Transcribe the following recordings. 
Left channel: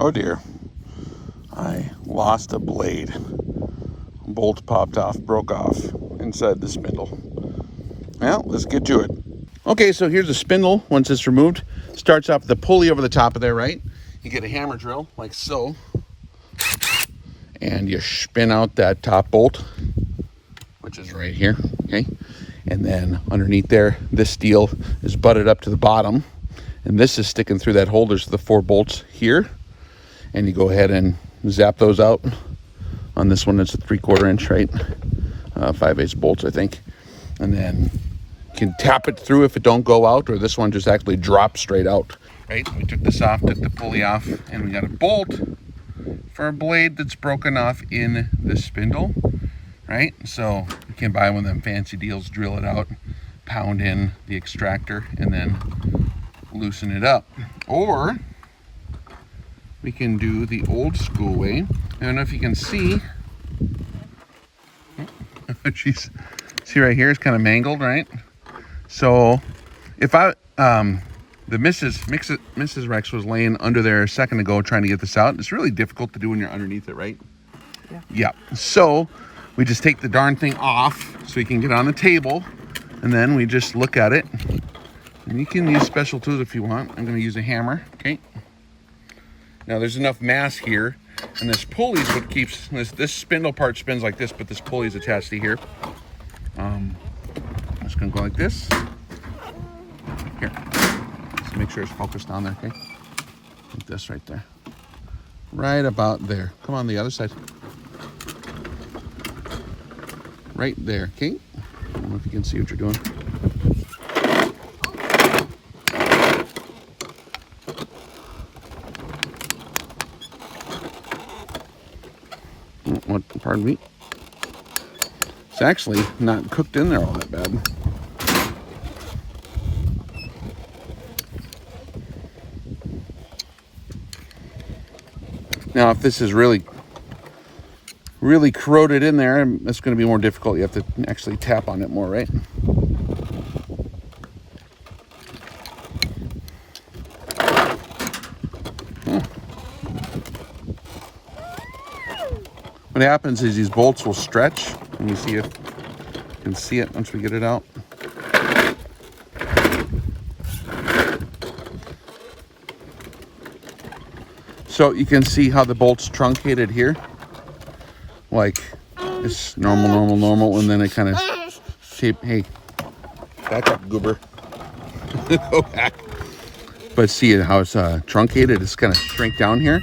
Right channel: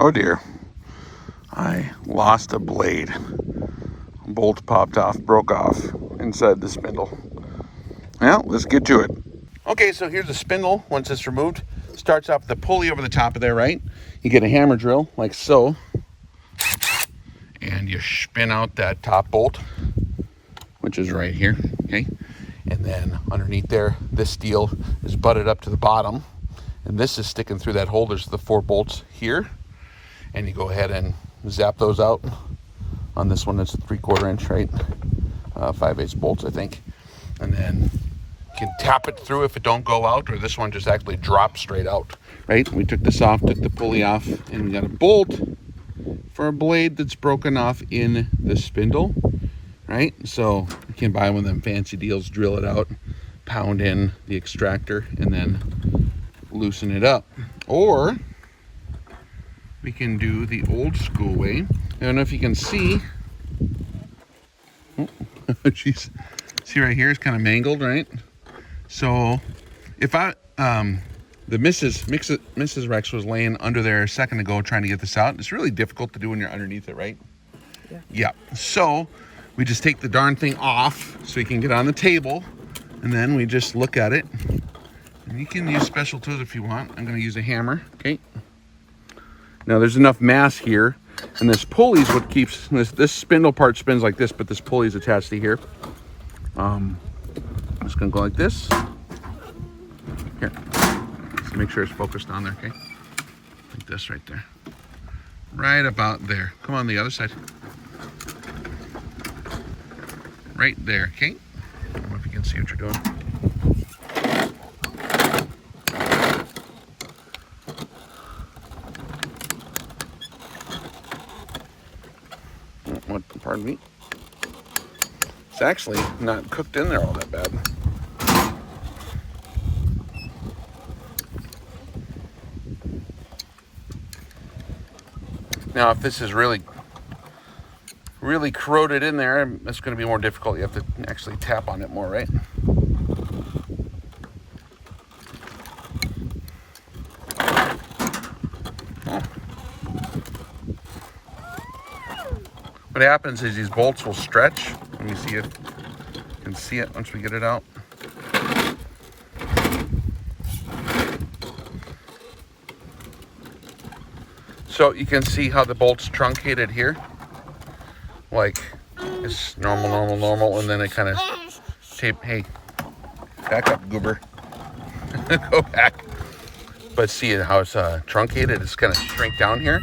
Oh dear. I lost a blade. A bolt popped off, broke off inside the spindle. Well, let's get to it. Okay, so here's the spindle once it's removed. Starts off with the pulley over the top of there, right? You get a hammer drill, like so. And you spin out that top bolt, which is right here, okay? And then underneath there, this steel is butted up to the bottom. And this is sticking through that hole. There's the 4 bolts here. And you go ahead and zap those out. On this one, it's a 3/4 inch, right? 5/8 bolts, I think. And then you can tap it through if it don't go out, or this one just actually drops straight out, right? We took this off, took the pulley off, and we got a bolt for a blade that's broken off in the spindle, right? So you can buy one of them fancy deals, drill it out, pound in the extractor, and then loosen it up. Or we can do the old school way. I don't know if you can see. Oh, geez. See right here, it's kind of mangled, right? So if I, the Mrs. Rex was laying under there a second ago trying to get this out. It's really difficult to do when you're underneath it, right? Yeah. So we just take the darn thing off so we can get on the table, and then we just look at it. And you can use special tools if you want. I'm going to use a hammer, okay? Now there's enough mass here, and this pulley is what keeps, this spindle part spins like this, but this pulley is attached to here. I'm just going to go like this. Here. So make sure it's focused on there, okay? Like this right there. Right about there. Come on, the other side. Right there, okay? I don't know if you can see what you're doing. Pardon me. It's actually not cooked in there all that bad. Now, if this is really corroded in there, it's going to be more difficult. You have to actually tap on it more, right? What happens is these bolts will stretch. And you see it. You can see it once we get it out. So you can see how the bolt's truncated here. Like this normal, and then it kind of shape. Hey, back up, goober. Go back. But see how it's truncated? It's kind of shrink down here.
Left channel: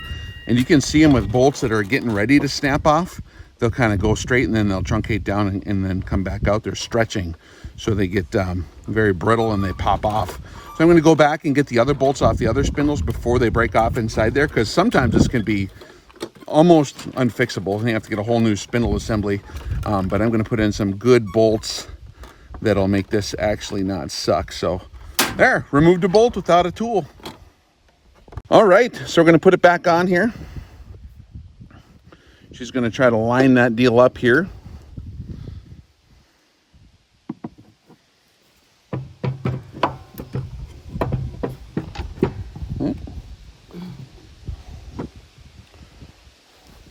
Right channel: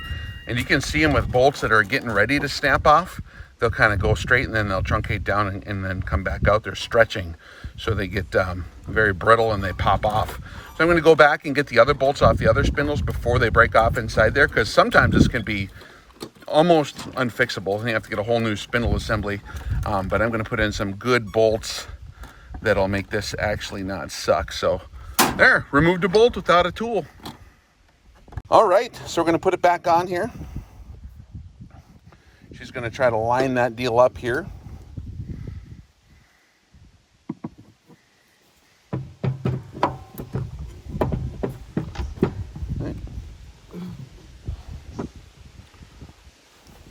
And you can see them with bolts that are getting ready to snap off. They'll kind of go straight and then they'll truncate down and then come back out. They're stretching. So they get very brittle and they pop off. So I'm going to go back and get the other bolts off the other spindles before they break off inside there, because sometimes this can be almost unfixable. You have to get a whole new spindle assembly. But I'm going to put in some good bolts that'll make this actually not suck. So there, removed a bolt without a tool. All right, so we're going to put it back on here. She's going to try to line that deal up here.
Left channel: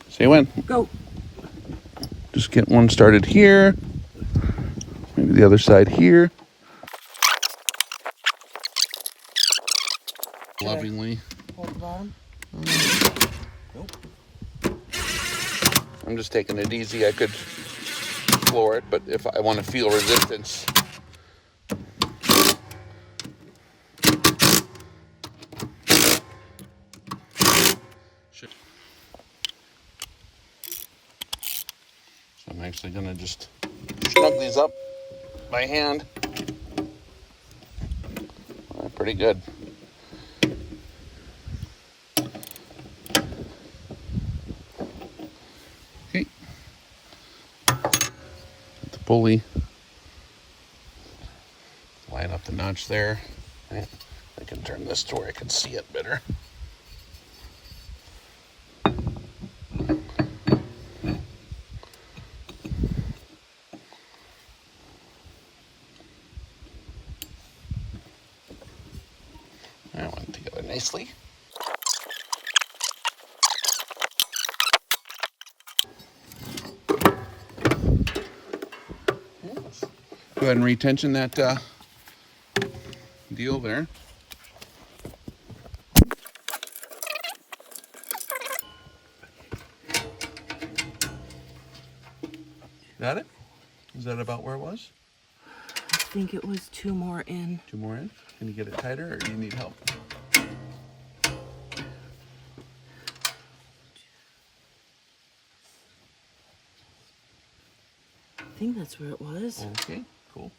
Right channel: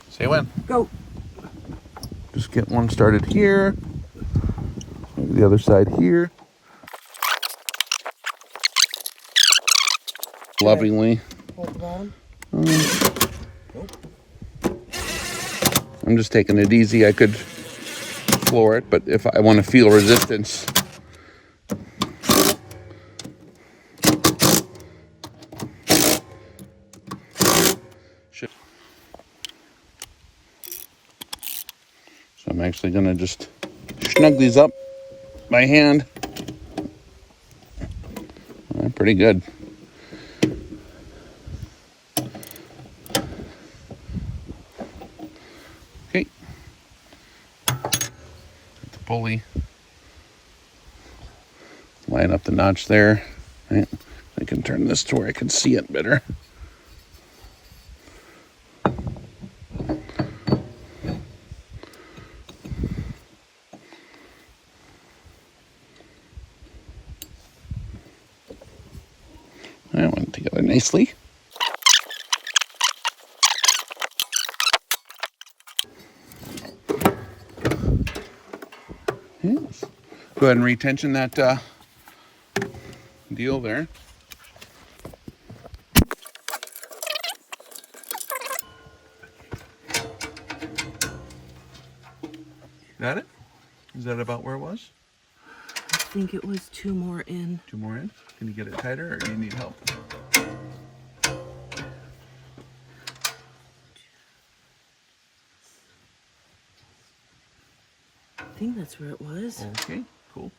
See when? Go. Just get one started here. Maybe the other side here. Lovingly. I'm just taking it easy. I could floor it, but if I want to feel resistance. So I'm actually going to just snug these up by hand. Pretty good. Okay. Got the pulley. Line up the notch there. Right. I can turn this to where I can see it better. That went together nicely. Go ahead and retension that deal there. Got it? Is that about where it was? I think it was 2 more in. 2 more in? Can you get it tighter or do you need help? I think that's where it was. Okay, cool.